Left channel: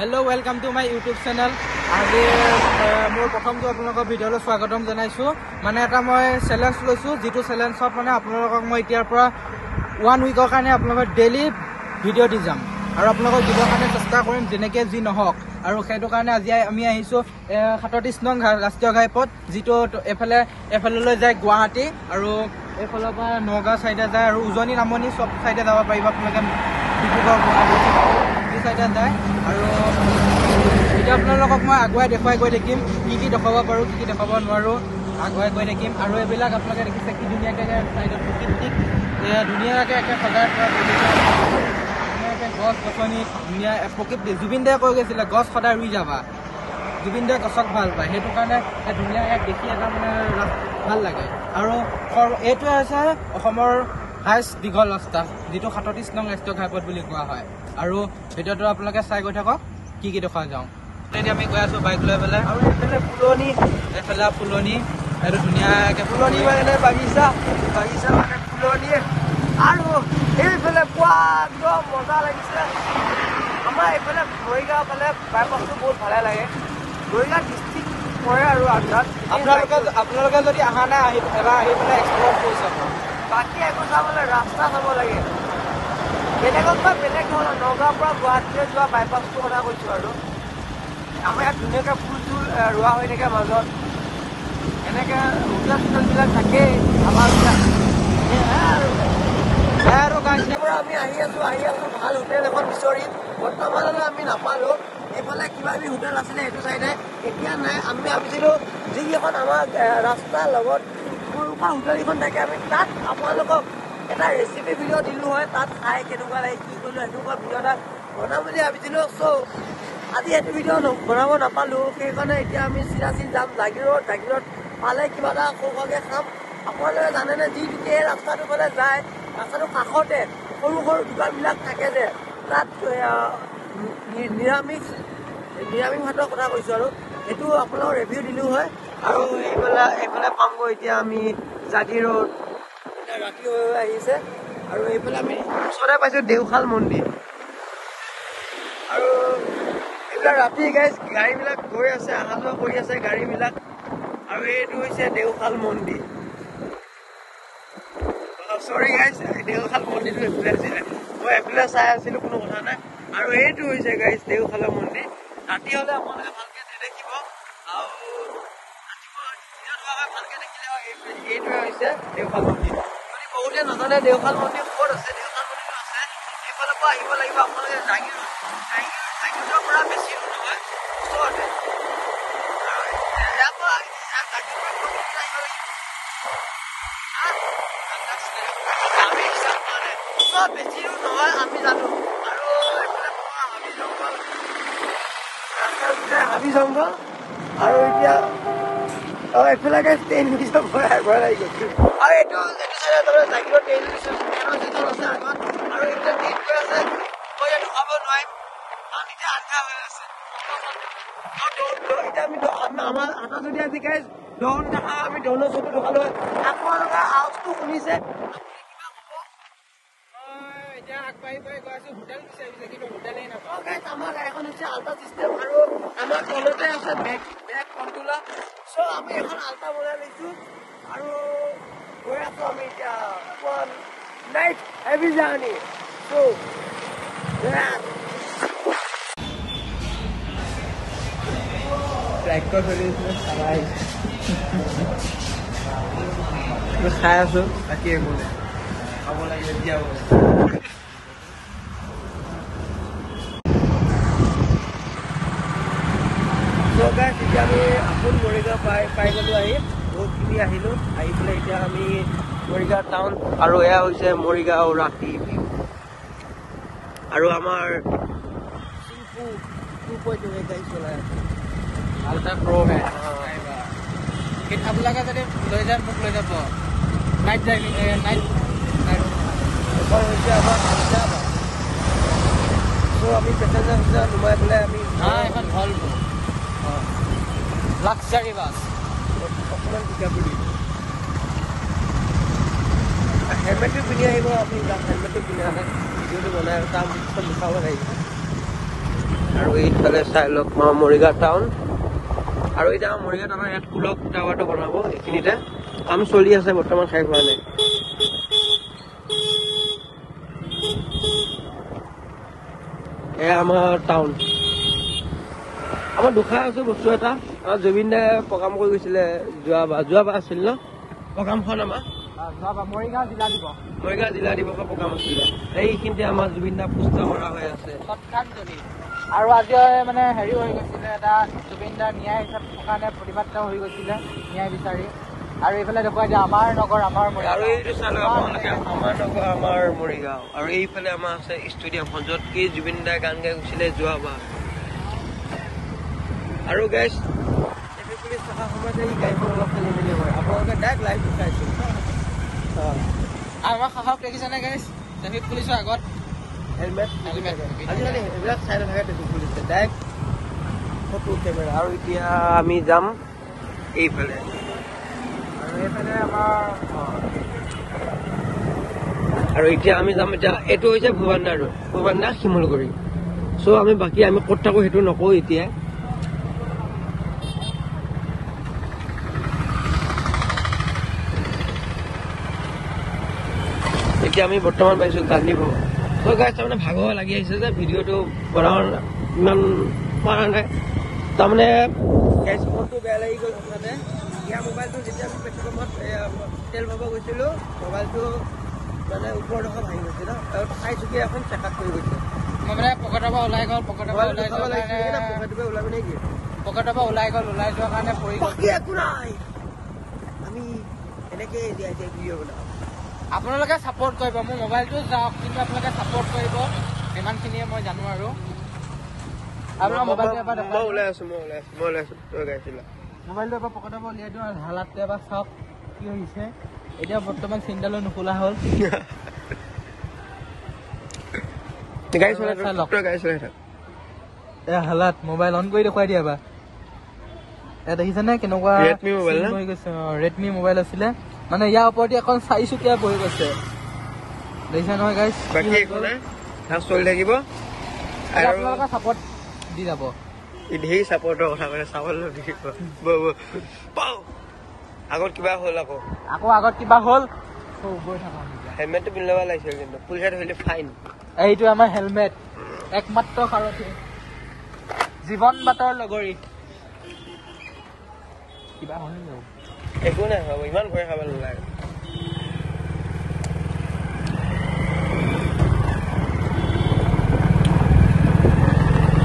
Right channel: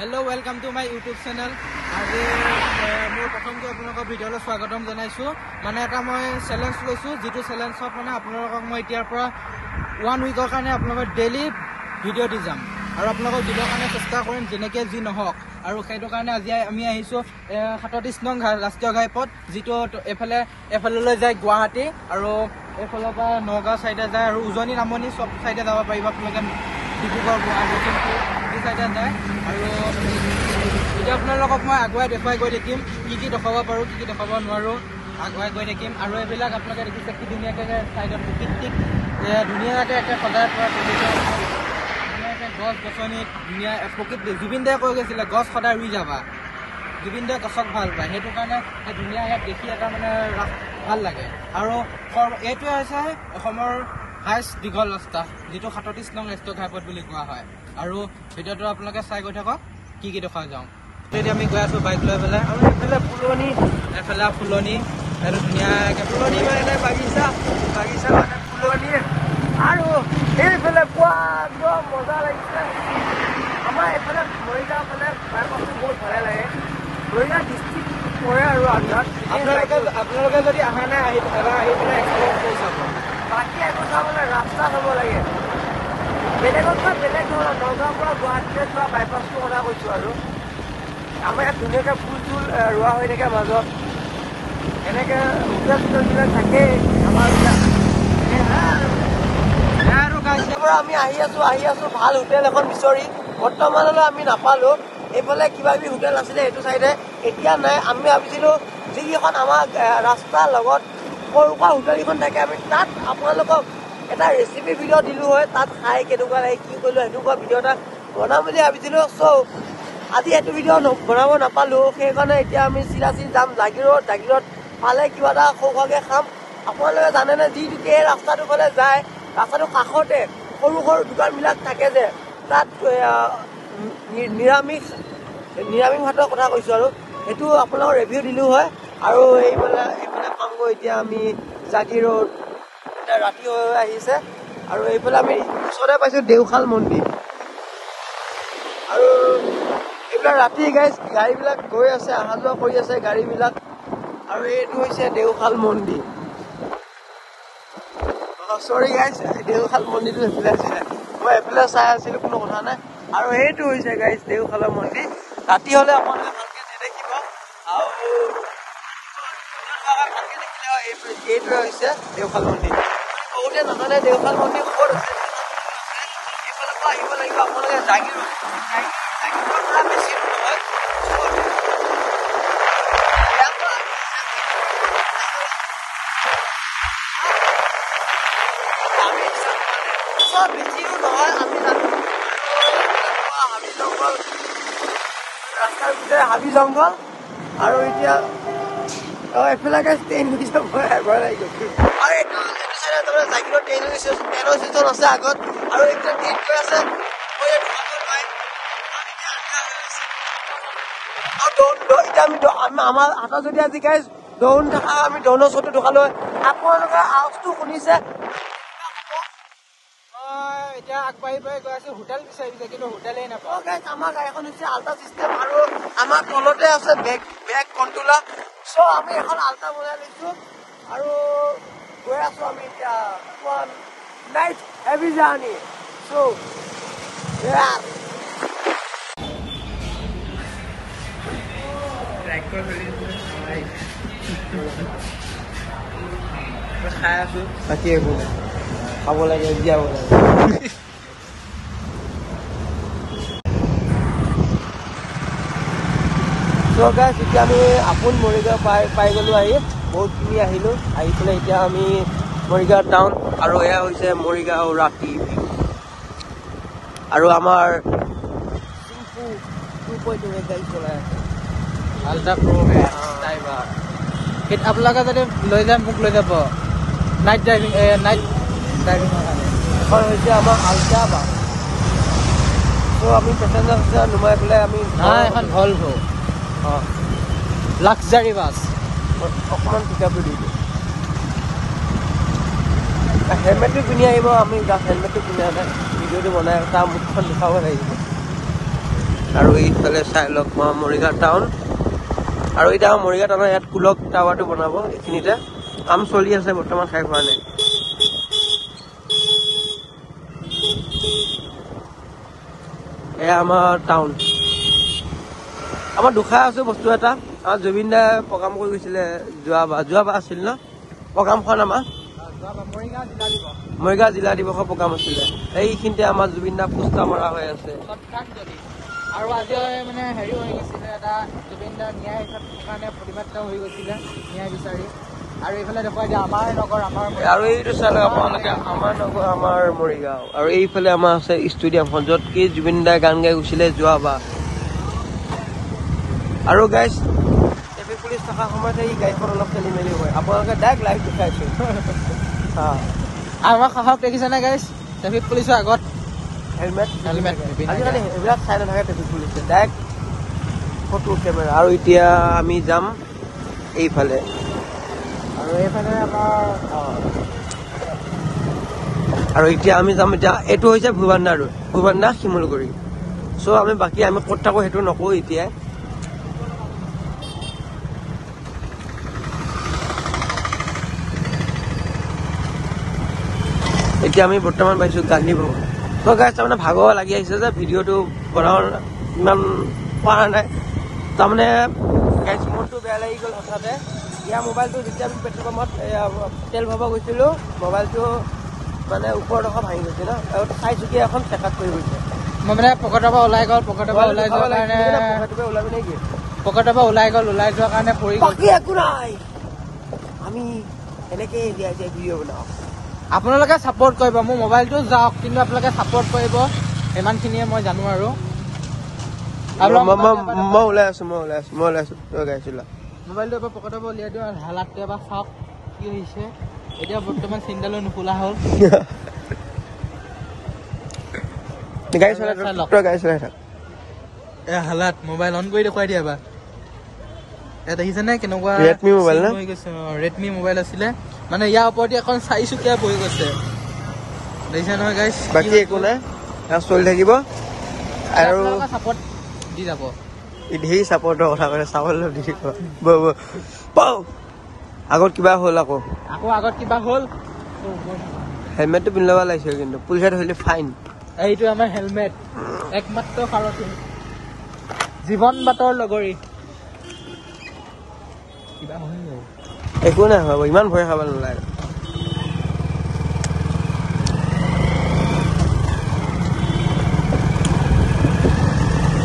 Hello, welcome to my YouTube channel. আজি মোৰ প্ৰথমটো আপোনালোকৰ ভিডিঅ'লৈ স্বাগতম জনাইছো। মানে এটা মই চ্যালেঞ্জ লৈছো, যেটো চ্যালেঞ্জত মানে আপোনালোকক মই এতিয়াৰ পৰা 1 উইকৰ কাৰণে আপোনালোকক ডেইলি ভিডিঅ' দি যাম আৰু আপোনালোকক দিবৰ কাৰণে চেষ্টা কৰিম যেনেকৈ যি নহওক। আৰু সেইটো কাৰণে আজি আমি আহিছো 37 নং ৰাষ্ট্ৰীয় ঘাইপথ, যেটো এফালে যায় গুৱাহাটী আৰু এইফালৰ পৰা নগাঁও সাইডে যায় আৰু উজনি নামনি সব সাইডে যাব পাৰিব আপোনালোকে। ডিব্ৰুগড় আৰু এই সাইডে যায় আৰু এতিয়া আপোনালোকক মই আগুৱাই দেখুৱাই গৈ থাকিম কি দেখাব পাৰোঁ, কি দেখাব নোৱাৰোঁ, আগুৱাই গৈ থাকিম। আৰু এইবিলাক আপোনালোকে দেখিছে কি ধুনীয়াকৈ চাইডত প্ৰকৃতিক ধুনীয়াকৈ একে সজাই পৰা ধুনীয়াকৈ গছ গছনি ধুনীয়া প্ৰকৃতি। জুবিন দায়ে কৈ গৈছিলে গছ সদায় ৰুই যাবা, জুবিন দায়ে গছক ভাল পায়, সেইটো কাৰণে ধুনীয়া ইয়াত দেখি এটা মানে ভাল লাগে। আৰু এইটোৱে হৈছে অসমৰ হাইষ্ট দীঘল ৰাস্তা, যেটো 37 নং ৰাষ্ট্ৰীয় ঘাইপথ বুলি কোৱা হয়। আৰু ভিডিঅ'টো আপোনালোকে চাই গৈ থাকক কি দেখা যাওঁ। এতিয়া আমি গৈ আছো বাইক লৈ পেলাই আৰু এইফালে ফুলনি এইটো ধুনীয়াকৈ ফুলনি মানে বাগিচা মানে ফুলনি আৰু এইফালে পোৱা একদম মজা লাগিছে। আমাৰ এইফালে মৰিগাঁও ফালে বাইপাছটো বহুত ভালে লাগে। মৰিগাঁও ডিষ্ট্ৰিক্ট পৰে আৰু আপোনালোকে যদি অহা নাই আহি বাকী কথা বোলে ৰাস্তা চাব লাগে বেলেগতকৈ বেলেগ ধৰণৰ। নগাঁৱৰ পৰা গুৱাহাটীলৈ যোৱা বাইপাছটো কথা কৈছোঁ আৰু আমাৰ ইয়াত ধুনীয়াকৈ ফুল চুল ৰোৱা হৈ থাকে মাজত, এনেকৈ হোটেলবিলাক থাকেই আমাৰ আৰু গাঁৱৰ পৰা আমি আহি আছো ভাল হোটেল এখন বিচাৰি। বৰ্তমানলৈ আমি নাপালোঁ। এইফালে কিবা কিবি হোটেল আছিলে সেইটো চাইডে, এতিয়া নাই। আমি ভাবিছিলোঁ যিকেইখন আমাৰ ৰাস্তাৰ লগত সৰু সুৰা হোটেলকেইখন থাকে আমি তাত আপোনালোকক এটা ৰেচিপি ভিডিঅ' দিলোঁ হয়, তাত খাই কেনেকুৱা লাগে কি কৰিলোঁ সেনেকুৱা ভিডিঅ' এটা বনাম বুলি ভাবিছিলোঁ। চ' আজি সেইটো ভিডিঅ' বনাব নাপালোঁ, সেইকাৰণে এতিয়া আমি চিধা যাম জাগিৰোড পালে কিবা এটা সৰুকৈ খাম। আপোনালোকে জানেনে যিটো এই ৰাস্তাটো ফালে যায়, ৰাস্তাটো কাষতে সৰু সৰু দোকানবিলাক থাকে যে, তাত নিৰামিষ ভাতৰ কথা কৈছোঁ আৰু সেইটো আপোনালোকক ৰিভিউ দিলোঁ হয়। আৰু এইফালে পামগৈ এতিয়া আমি জাগিৰোড, এতিয়া ৰাতি হৈ আহিছে আৰু এইফালে আমি ওচৰতে পাইছোঁ দেওশাল মন্দিৰ। আৰু এইবিলাক ৰাতি গাড়ীবিলাক গৈ আছে, অহা যোৱা কৰি আছে গাড়ীবিলাক। আৰু এইটো হৈছে দেওশাল মন্দিৰ। চৰি গাইজ, দেওশাল মন্দিৰটো এইফালে আছিলে, মই এইফালে চাই আছিলোঁ, কোনো কথা নাই। আৰু এইটো হৈছে গাইজ দেওশালৰ মন্দিৰ। ৰাতি হ'লে আপোনালোকে ভালকৈ নেদেখিব আৰু এইটোৱে হৈছে দেওশাল মন্দিৰ। বহুতে নাজানে দেওশাল মন্দিৰ ক'ত আছে। দেওশাল মন্দিৰ আছে এইফালৰ পৰা আহিব লাগিব আপোনালোকে জাগিৰোডৰ পৰা বেছি দূৰ নহয়, ওচৰতে। বেছি দূৰ নহয় আমি জানো। আৰু হাবি জংঘল, ৰাস্তাৰ ভিতৰে হাবি জংঘল। আৰু এতিয়া এইফালে ট্ৰেইন ভয় লাগি গৈছিল। আৰু এইটো চাইডে তাৰমানে জাগিৰোড ট্ৰেইন ষ্টেচন আছে আগত, আৰু এইফালে ট্ৰেইন গৈ আছে। মই ইয়াত ৰখাব নোৱাৰিম কাৰণ এতিয়া আন্ধাৰ হৈ আছে। আৰু এতিয়া আমি আমাৰ হাতত যদি আজি গাইজ ড্ৰোন দেখা, আমি ড্ৰোনৰ ফটো দেখালোঁ। আপোনালোকে আৱাজটো শুনিছে। এতিয়া আগবাঢ়ি গৈ আছো, হোটেল বিচাৰিছে কিন্তু হোটেলেই নাপাওঁ। আমাৰ গাড়ীখন হৈছে আল্ট্ৰা চিষ্টেম আৰু আমাৰ তলতে আছে বেগ কণ্ট্ৰলাৰ। চ' আমি এখন আল্ট্ৰা বনাই লৈছোঁ আৰু গৈ আছো আমি এতিয়া নাইট হেভি জাৰ্ণি। চ' খাই আছো, বাকী একো নাই। খাব লাগে, জীয়াব লাগে। এতিয়া আমি আপোন মৰিগাঁও পাই গ'লোঁ। আহি বহুতখিনি আহিলোঁ, আহি পেলাই এতিয়া আমি মৰিগাঁও টাউন। আৰু এয়া হৈছে মৰিগাঁও ৰাতি। আৰু আমাৰ চিম্পু 2.2 গাড়ী চলাই আছে। আপোনালোকে যদি লৈ যায় মোক লৈ যাব নাইট ড্ৰাইভিং এখন হৈছে আমাৰ আল্ট্ৰা বাছ। চ' আমি পেচেঞ্জাৰ নুমাই পেলাই আমি এখন হল লাক্সাৰী বাছ অকণমান পিকআপ দি দিলোঁ। হেলমেটটো পিন্ধি আহিব, আমি হেলমেটটো পিন্ধা নাই। ভিডিঅ'টো বনাই তাৰ মুখখন দেখাব লাগিব। আৰু এইফালে চাই লওক মৰিগাঁও টাউন আৰু এতিয়া মৰিগাঁও টাউনৰ ইয়াত কুলক টাৱাৰটো বনাব এইখিনিতে কাম চলি আছে বৰ্তমান শেষ হোৱা নাই এয়া আমাৰ টাউন আমাৰ দুখাই আছে বস্তু এটা জুবিন দাই প্ৰগ্ৰাম কৰি গৈছিলে যোৱাবাৰ আছিল ন প্ৰগ্ৰামখন আমাৰ মৰিগাঁও জিলা দিৱসৰ প্ৰগ্ৰাম আছিলে এইখিনিতে আমাৰ জুবিন দা পোষ্টাৰ মৰা হৈ আছে আৰু আজি মানে হেৰি হৈ গৈছিলে এটা জুবিন দা ন্যায় কাৰণে প্ৰতিবাদ হৈ গৈছিলে ন্যায় বিচাৰি আৰু এইফালে দেখুৱাই দিয়ে আমাৰ নগৰ আৰু এইটো চালে আপোনালোকে আমাৰ নগৰ আমাৰ মৰিগাঁও আৰু এইফালে আমাৰ আছে ষ্টেডিয়ামখন য'ত কি জুবিন দাই গান গাই গৈছিলে যোৱাবাৰ আৰু গাইজ ট্ৰেফিক পুলিচ থকাৰ সময়তে এই গাড়ীখন অলপ খেলি মেলি হয় আপোনালোকে ডাইৰেক্ট লাইভ দেখাইছো আমাৰ সাহস দেখিছেনে গাইজ ট্ৰেফিক পুলিচৰ আগত হেলমেট আজিকালি সেইবিলাক চাই নাথাকে ট্ৰেফিক পুলিচে ডাইৰেক্ট ফটো কেমেৰা আৰু এতিয়া আমি যাম এইফালে আৰু এইফালে আমাৰ আৰু এতিয়া আমি যাম এতিয়া এইটো হৈছে ভূৱানদা ৰোড ভূৱানদা শিমলগুৰি চ' আমি বাকী আমি ক'ত থাকোঁ সেইটো নকওঁ এতিয়া এতিয়া আমি বৰ্তমান পাইছোঁ গান্ধী ভৱন ত' গাইজ তাৰমানে ভাগৰ লাগি আহিছে যে ভিডিঅ'টো বনাব ইমান পৰা নাই তাৰমানে গাইজ মনটো বেয়া লাগি গ'ল হঠাতে ইয়াৰ মোবাইলটো যেতিয়া আমি পেট্ৰল পাম্পত তেল ভৰাব গৈছিলোঁ মোবাইলটো মানে ওপৰৰ ডোখৰ ভাঙি গৈছে ন আৰু চাইছোঁ কি এখন চেকআপ কৰি গৈছে মই মানে পকেটৰ পৰা ওলাই গ'ল পকেটৰ পৰা ওলাবি নেকি পকেটৰ পৰা ওলাই যোৱাৰ কাৰণে পৰি বাকী একো নাই আমি এনেকৈ জীয়াই ভিডিঅ' বনাওঁ আপোনালোকে ছাপোৰ্ট কৰিব মোৰ মোবাইলটো যাওক কিন্তু আপোনালোকে ছাপোৰ্ট কৰিব ইমানখিনিয়ে মই জানো আৰু মই ওলাই আছো তই গাইছিলা মোবাইলটো এবাৰ পকেটৰ পৰা উলিয়াই দিওঁ হালাতটো এবাৰ চাওক কি হৈছে এতিয়া বৰ্তমান চিন্তালো নুখোলা হ'ল হালাত মোবাইল অন কৰি দেখুৱাই দিয়া এবাৰ ইয়াত দেখিছেনে কেনেকুৱা ৰেডমি মোবাইল হৈ গৈছে ৰেডমি মোবাইল আছিলে মানে ইয়াৰ ওপৰতে এখন 4 চুকীয়া বহি গৈছে দেখিছে নহয় গাইছ বাকী একো নাই চলি থাকিব আৰু ছাপোৰ্ট দি যাব ধেৰ ছাপোৰ্টৰ কথা কৈছে চাবলৈ দি পাওঁ আগত কিবা হ'ল আকৌ আগত কিবা হ'ল হেলমেটটো পিন্ধি ল'ব লাগিছিল কিন্তু পুলিচে ধৰিলে ফাইন এইটো আমাৰ হেলমেট একমাত্ৰ সাৰথী জীৱন বাটৰ লগৰী কিবা হৈ যাব একো নাই হ'ব ইমান ভয় খাব নালাগে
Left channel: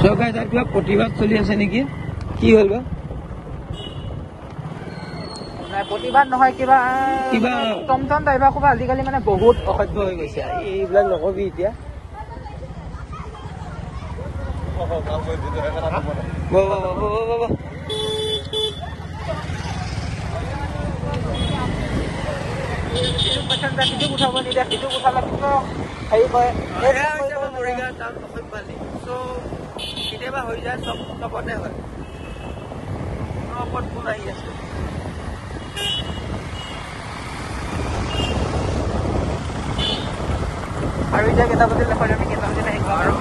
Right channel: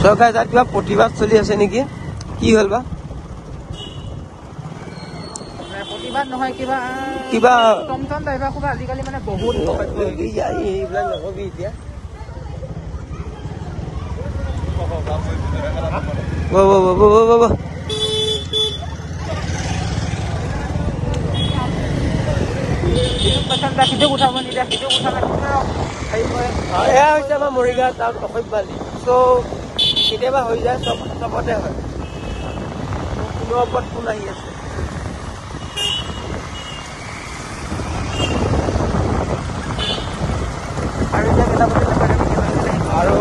চৰকাৰে তাত কিবা প্ৰতিবাদ চলি আছে নেকি কি হ'ল বা প্ৰতিবাদ নহয় কিবা টমটম ড্ৰাইভাৰ ক'বা আজিকালি মানে বহুত এইবিলাক নকবি এতিয়া সিটো উঠাব নিদিয়া সিটো উঠালে হেৰি কৰে এয়া হৈছে আমাৰ মৰিগাঁও টাউন অসভ্যালি চ' কেতিয়াবা হৈ যায় চবতে হয় কোনোৰ ওপৰত কোন আহি আছে আৰু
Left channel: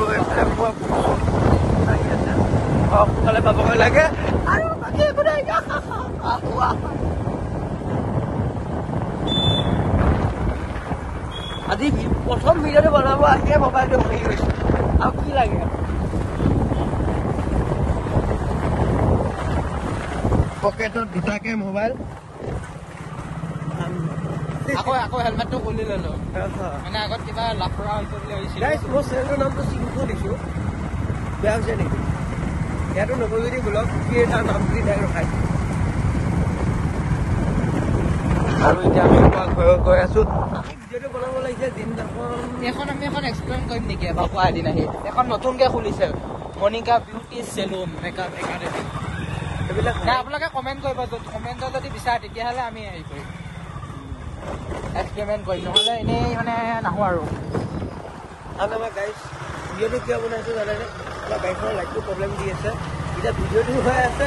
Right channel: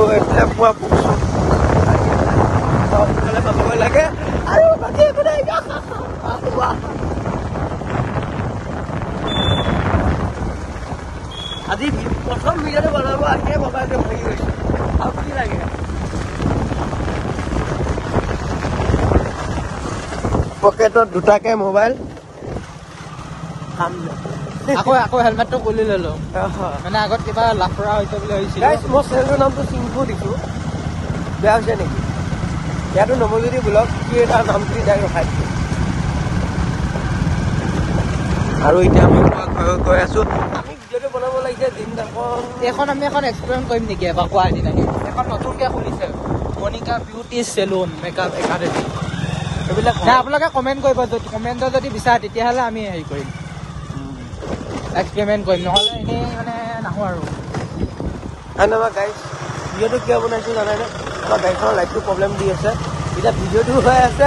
সোনকালে পাবগৈ লাগে আৰু বাকী একো নাই আজি প্ৰথম ভিডিঅ'টো বনাব আহিয়ে মোবাইলটো ভাঙি গৈছে আৰু কি লাগে পকেটত দুটাকে মোবাইল আকৌ হেলমেটটো খুলি ললো মানে আগত কিবা লাফৰা হৈছে বুলি ভাবিছিলো মই চেনেলটোৰ নামটো চিংফু দিছোঁ বেয়া হৈছে নেকি ইয়াতো নৱজ্যোতি ব্লগ কি এটা নাম দি ডাইৰেক্ট ৰখাই দিছোঁ আৰু এতিয়া আমি ঘৰত গৈ আছোঁ ভিডিঅ'টো বনাব লাগিছে দিনদাখন এখন আমি এখন এক্সপেৰিমেণ্ট কৰিম নেকি এবাৰ গুৱাহাটী নাহি এখন নতুনকৈ খুলিছে Monika beauty salon makeup academy সেইবিলাক আপোনালোকে কমেণ্ট কৰিব কমেণ্টত যদি বিচাৰে তেতিয়াহ'লে আমি হেৰি কৰিম এক্সপেৰিমেণ্ট কৰিম নহ'লে এনেই মানে নাহোঁ আৰু আমাৰ গাড়ী ভিডিঅ'টো কিয় বনাইছোঁ জানেনে আমাৰ গাড়ীখনৰ লাইটটো প্ৰব্লেম দি আছে এতিয়া ভিডিঅ'টো হৈ আছে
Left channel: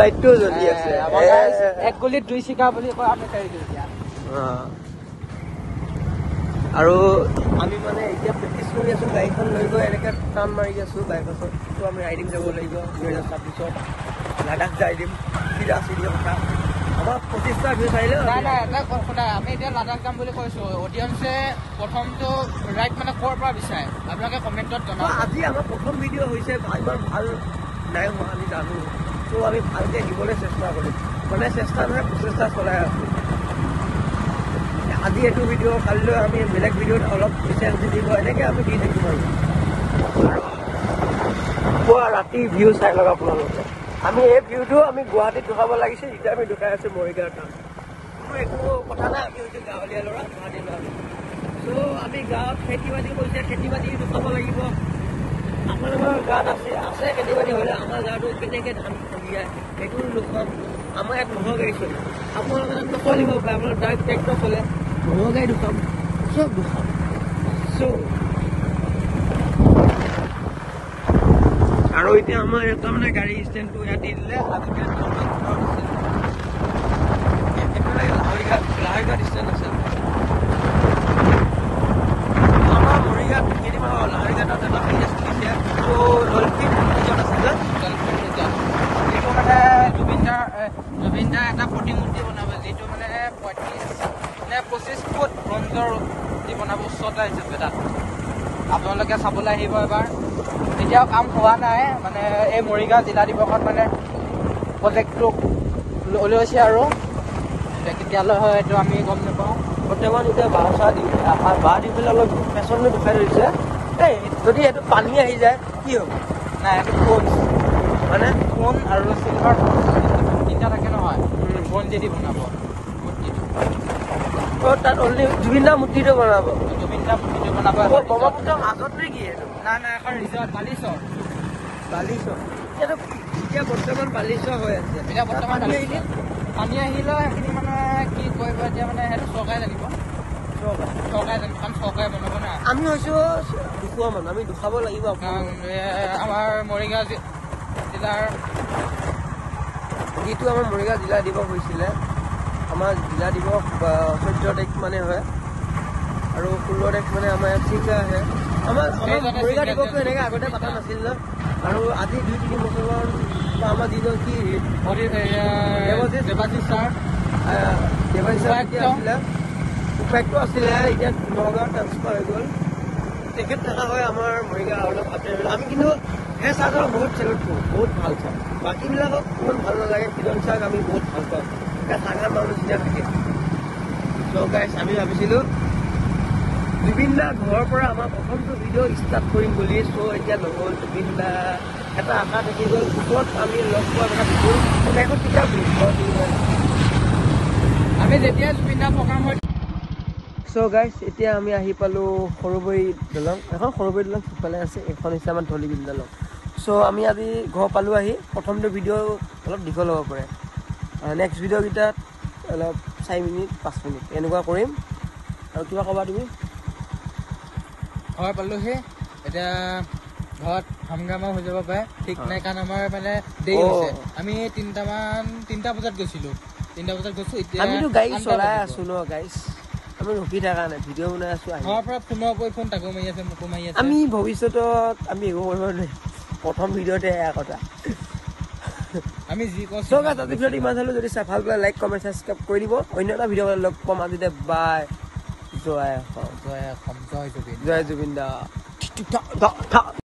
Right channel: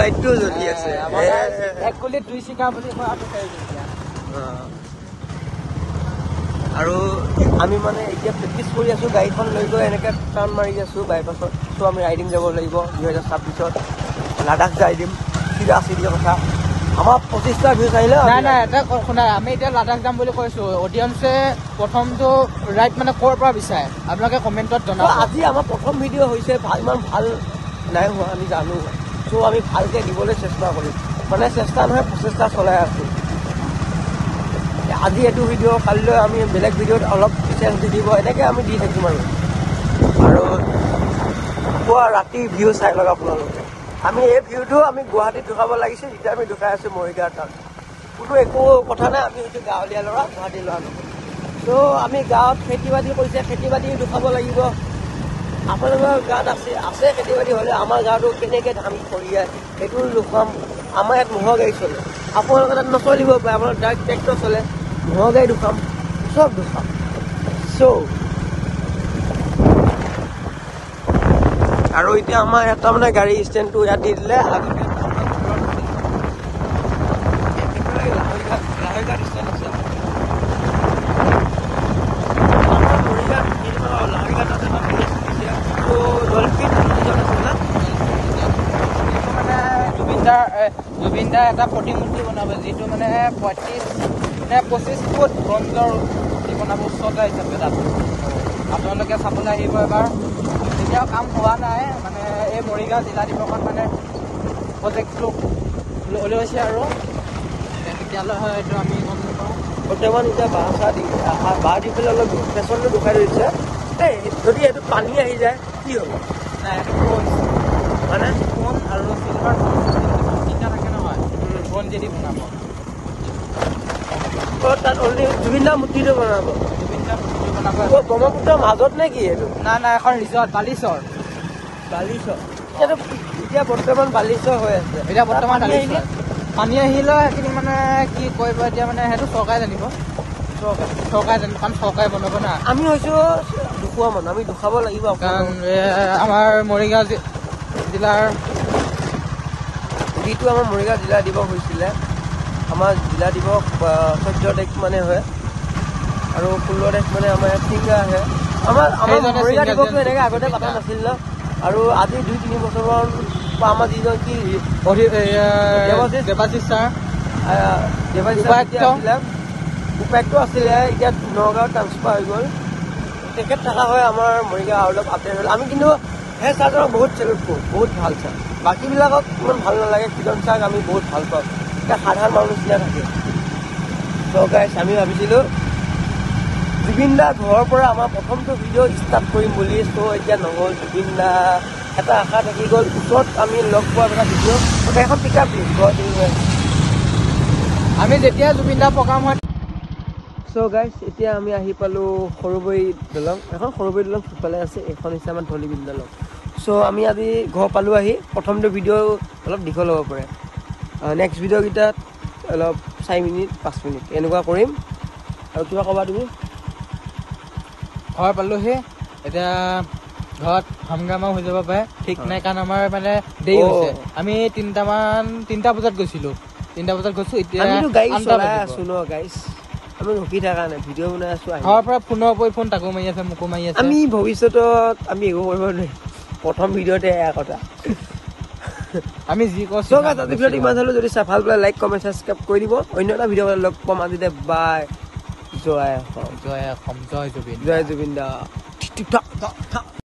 লাইটটোও জ্বলি আছে এক গুলিত 2 চিকাৰ বুলি কোৱা এতিয়া আৰু আমি মানে এতিয়া প্ৰেক্টিচ কৰি আছোঁ গাড়ীখন লৈ গৈ এনেকৈ টাৰ্ণ মাৰি আছোঁ বাইপাছত চ' আমি ৰাইডিং যাব লাগিব 2026 লাডাখ যাই দিম চিধা চিধি কথা আমাৰ 25টা ভিউ চাইলে শুনা আমি এতিয়া লাডাখ যাম বুলি কৈছোঁ অডিয়েঞ্চে প্ৰথমটো ৰাইড মানে ক'ৰ পৰা বিচাৰে আপোনালোকে কমেণ্টত জনাব আজি আমাৰ প্ৰথম ভিডিঅ' হৈছে ইমান ভাল নাই হোৱা আমি জানো চ' আমি ভালকৈ দিবলৈ চেষ্টা কৰিম মানে চেষ্টা নহয় প্ৰচেষ্টা চলাই আছোঁ আজি এইটো ভিডিঅ' কালিলৈ আমি বেলেগ ভিডিঅ'ত অলপ চেঞ্জ দি দিব এনেকৈ আমি দি থাকিম আৰু পুৱা ৰাতি ভিউ চাই লওক আপোনালোকে আমি এই ভিউটো আমি গুৱাহাটীত দেখাব লাগিছিল এতিয়া আমি দেখাই আছোঁ মৰিগাঁৱৰ তাত কোনো একো কথা নাই আমি হৈছোঁ গাঁৱলীয়া ল'ৰা গুৱাহাটীৰ ল'ৰা ত' আমি গাঁৱত খেতি বাতি কৰিছে খেতি বাতি দেখাব লাগিব আপোনালোকৰ গাঁৱত আছে খেতি বাতি হ'লে আমাৰ গাঁৱতো তেনেকৈ ধান চলিয়াই সেইটো দেখুৱাম আমাৰ ইয়াত ম'হৰ গাড়ী চলে আপোনালোকৰ তাত নচলিব পাৰে আমাৰ গাড়ীত ট্ৰেক্টৰ চলে ম'হৰ গাড়ী দেখুৱাম চব দেখুৱাম চ' আৰু এতিয়া আমাৰ এটা মানে গাড়ী ষ্টেণ্ডটো ইয়াত দি দিলে আমাৰ মৰিগাঁৱত কেইদিনমান লাহৰিঘাটত এটা প্লেচ খুলিছে ত' ডলফিন ৰিজৰ্ট আছিল জুবিনদাৰ এটা প্ৰতিমূৰ্তি বনাব যিটো মানে 25 ফুট ব্ৰঞ্জৰ মূৰ্তি বনাব উচ্চতা হিচাপে তাত আপোনালোকে চাবলৈ আহিব এবাৰ এতিয়াও কাম হোৱা নাই মানে এই মৰিগাঁও জিলা দিৱসত মানে প্ৰজেক্টটো লৈছে আৰু কেতিয়ালৈ হয় এইটো আমি গম নাপাওঁ বৰ্তমান এতিয়া বাঁহ দি পেলাই অলপ পেচনটো দুখাই ধৰিছিলে এই যদি এইটো পানী আহি যায় কি হ'ব মানে ফোন যদি বনাব তাত অনলি জুবিনদাৰ মূৰ্তিটো বনাব ব্ৰহ্মপুত্ৰৰ মাজত নে কি এইটো নাই এখন ৰিজৰ্ট বালিচৰ এইটো এতিয়া বৰ্তমান বালিচৰ হৈ আছে এতিয়া বৰ্তমান পানী আহিলে সেইখিনি মানে কি কৰিব এতিয়া মানে সেইটো চৰকাৰে জানিব চৰকাৰে জানিব কাৰণ চৰকাৰে বনাব না আমি হৈছোঁ দুখুৱা মানুহ আমি দুখাব লাগিব কাৰণ আমাৰ মৰিগাঁও জিলাৰ যিটো আমাৰ মৰিগাঁও জিলা দিৱস হৈছিলে আমাৰ জিলা দিৱস 14 তাৰিখ মানে হয় আৰু 16 তাৰিখ মানে আমাৰ ইয়াত ছিংগাৰ আহে আমাৰ মৰিগাঁও দিৱসটো এনেকৈ আগতে পতা নাছিল ন আৰু আজি 2-3 বছৰমান আমাৰ যিজন কি দেৱাশীষ ছাৰ আছিলে উপায়ুক্ত আছিলে এতিয়া নগাঁৱত ট্ৰান্সফাৰ হৈ গ'ল তেখেত থকা হয় আমাৰ মৰিগাঁও অলপ আপডেট হ'ল আমি কিন্তু সেই ছাৰজনক বহুত চেলুট কৰোঁ বহুত ভাল ছাৰ বাকীবিলাকক ইমান ভাল নালাগে কিজন ছাৰক আমি বহুত ভাল পাওঁ এতিয়া সাধাৰণ মানুহ নিচিনা থাকে চ' গাইছ আমি ভাবিছিলোঁ জুবিন দা ঘৰৰ পৰা আমাৰ প্ৰথমটো ভিডিঅ' ষ্টাৰ্ট কৰিম বুলি চ' এতিয়া নহ'ল জুবিন দা এটা আশা থাকি গ'ল পিছত আমি লগ পোৱা এটা ভিডিঅ' এখন কিতাপ ঘৰত দি হৈ আছে আমি যেতিয়া জুবিন দা প্ৰগ্ৰাম হয় চ' গাইছ এতিয়া আমি আহি পালোঁ সৰুবৰী দলং এখন সৰুবৰী দলং সিফালে আছে এখন হৈছে আমাৰ ধলিবিল দলং চ' আমি আজি ঘৰ পালোঁ আহি প্ৰথমটো ভিডিঅ' অলপ দীঘল হ'ব পাৰে নেক্সট ভিডিঅ'কেইটাত অলপ 4 মিনিট 5 মিনিট এনেকুৱা কৰিম আৰু কিবা ক'বা তুমি ঘৰ পালোহি এতিয়া ঘৰত হাংগামা হৈ যাব পাৰে ঠিক নাই কাৰণ আমাৰ মানে দেৰি হৈছে আমি 3টা বজাত গৈছিলোঁ 3টা বজাত গৈছোঁ এতিয়া আমিতো গাড়ী চলাই আছোঁ ন গাইছ আমি ৰখি থকা নাই ভিডিঅ' বনাই আছোঁ ঘৰৰ পৰা ফোনৰ ওপৰত ফোন তাকো মাৰি আছে মোকো মাৰি আছে আমি ভৱিষ্যতত আমি একো কৰিব নোৱাৰিম প্ৰথম ভিডিঅ'তে এয়া কথা আমি যি কৈছোঁ আজি ভিডিঅ'টো ইমান চালোঁ যদি চাই ভাল পালে লাইক কমেণ্ট ছাবস্ক্ৰাইব কৰি দিব অন্য এটা ভিডিঅ' লগ পাম আজিতে বাই জয় অসম জয় অসম জয় জুবিন জয় জুবিন দা